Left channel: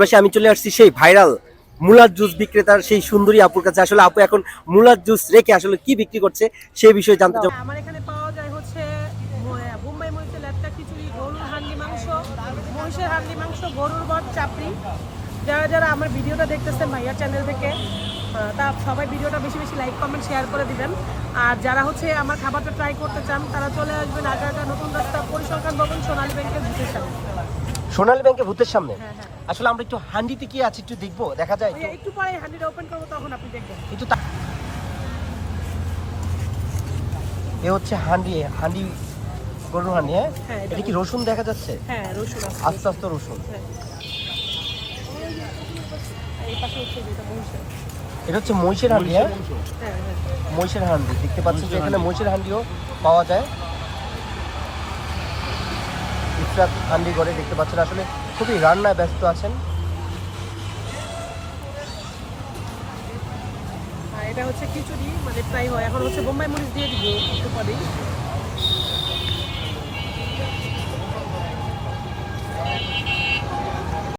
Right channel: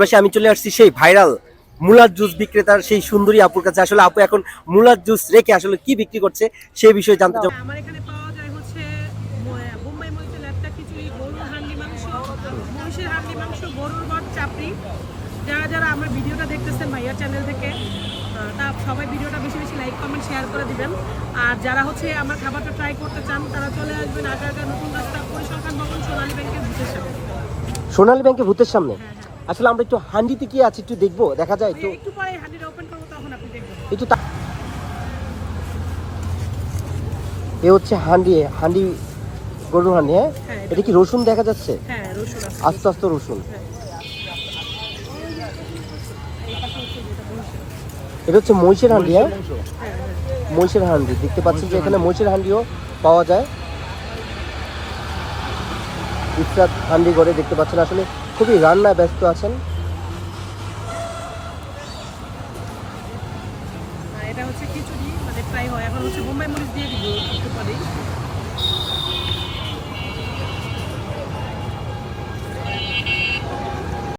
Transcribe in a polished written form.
পাশে আমি চলে আসছি সেই ভাইরাল মুলার জুস বিক্রেতার সেই সুন্দরী আপুর কাছে। আসলে আপু এখন মুলার জুস রেখে আসলে কি বিক্রি করছে সেই বিষয়ে জানতে চাই। আমার এখানে পাওয়া যায় হচ্ছে বোম্বাই মরিচের লেটকা খিচুড়ি, গরুর হান্ডি মাংস, মহিষের হান্ডি মাংস, গরুর ভাত, চাপড়ি। যারা যারা আমার ভিডিওটা দেখতেছেন ভাইয়ার চ্যানেল থেকে তা সবাই ভিডিওটা বেশি বেশি লাইক কমেন্ট শেয়ার করে দিবেন। আর যারা হচ্ছে আমার খাবারটা ট্রাই করতে চান তারা চলে আসবেন আগারগাঁ নতুন রাস্তা পরিসংখ্যান ভবন সোনালী ব্যাংকের ভিতর সামনে। সোনালী ব্যাংকের ভূতের সামনে। হ্যাঁ হ্যাঁ, আসলে আমরা একটু হান্ডিতে কি আছে একটু দেখবো, দেখা যায় একটু? একটু পরে হান্ডিটা ওপেন করবো তখন আপনি দেখবেন। একটু এ হচ্ছে হান্ডি, হান্ডি গরুর হান্ডি। হ্যাঁ, হ্যাঁ, এটা কি রসুন দেখা যাচ্ছে? হ্যাঁ রসুন আছে। আস্তে আস্তে রসুন। হ্যাঁ। এই পাশে হচ্ছে যেটা মহিষের। এটা হচ্ছে মহিষের হান্ডি। হ্যাঁ, হ্যাঁ হ্যাঁ, মহিষের হান্ডি দেখতে পাচ্ছি যে এখানে মহিষের হান্ডিও পাওয়া যায়। ইফরাত হান্ডি করে দেখতে পাচ্ছেন, আসলে খুবই রান্না ব্যস্ত আছেন। এটা হচ্ছে খিচুড়ি মানে ফ্রাই হয়। এখন হচ্ছে বোম্বাই মরিচ দিয়ে দিব একটু পরেই।